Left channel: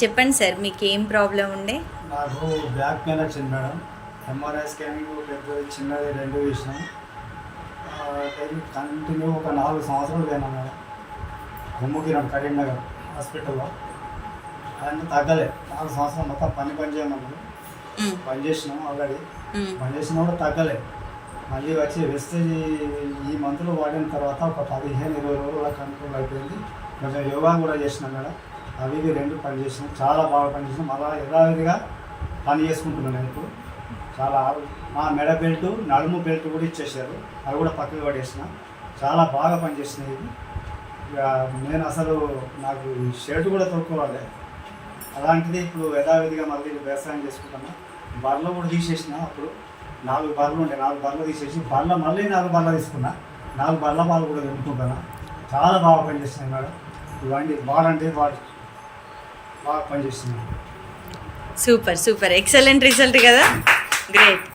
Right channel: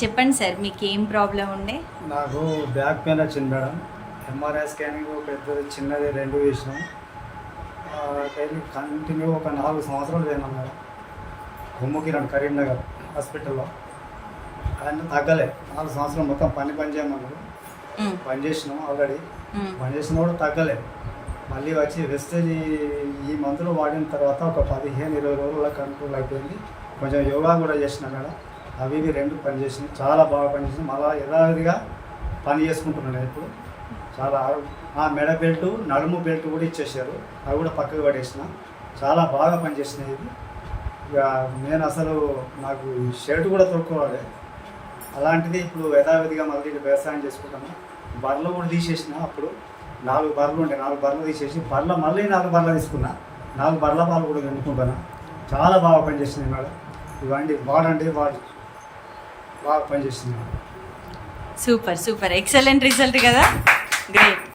చెప్పండి సార్, మీకు ఏం ప్రాబ్లం ఉండే? నాకు బ్యాక్ పెయిన్ వచ్చింది మేడం. ఎంఆర్ఐ స్కానింగ్ పెద్దది చిన్నది రెండు చేసినాం. డైలీ కంటిన్యూ ఒక 4 సంవత్సరాలు పోయినా మేడం. కొమ్ముకిరం కరీంనగర్ హాస్పిటల్లో. అవన్నీ తగ్గలే. 4 సంవత్సరాలు మొత్తం పని చేయమన్నారు. పని చేసినాం ఆల్రెడీ. పని చేసినా కూడా తగ్గలే. మళ్ళీ వచ్చి వెస్టేజ్ ఈ మంత్లో వాడిన తర్వాత ఒక 15-20 రోజుల కంట్రోల్ అయిపోయింది. కొంచెం యోగా కూడా చేసిన మేడం. అవి రెండు పని చేసినాం. చాలా బాగా పనిచేసినాం. అలా యథావిధిగా పని చేసుకుంటున్నాను ఇప్పుడు. చాలా మెడ బెల్ట్, నడుము బెల్ట్ కూడా ఇచ్చేసారు. అవి కూడా పక్కకు పడేసిన. చాలా బాగా పనిచేసినాయి ఇది. ఇక నేను అసలు నాకు ఈ షర్ట్ కూడా తొక్కోవాలి. అలాంటిది ఇప్పుడు యథావిధిగా మళ్ళీ వ్యవసాయం చేసుకుంటున్నా. బర్రెలు కూడా తీసేసిన. అప్పుడు 4 బర్రెలు ఉండే. 4 బర్రెలు తీసేసి మళ్ళీ 4 బర్రెలు తీసుకున్నా. 4 బర్రెల పాలు కూడా వినుకుంటున్నా. చాలా బాగా పనిచేస్తున్నాయి మేడం. ఇవన్నీ వాడంటే బాగా పనిచేస్తున్నాయి. సూపర్, ఎక్సలెంట్ రిజల్ట్ కదా. గ్రేట్.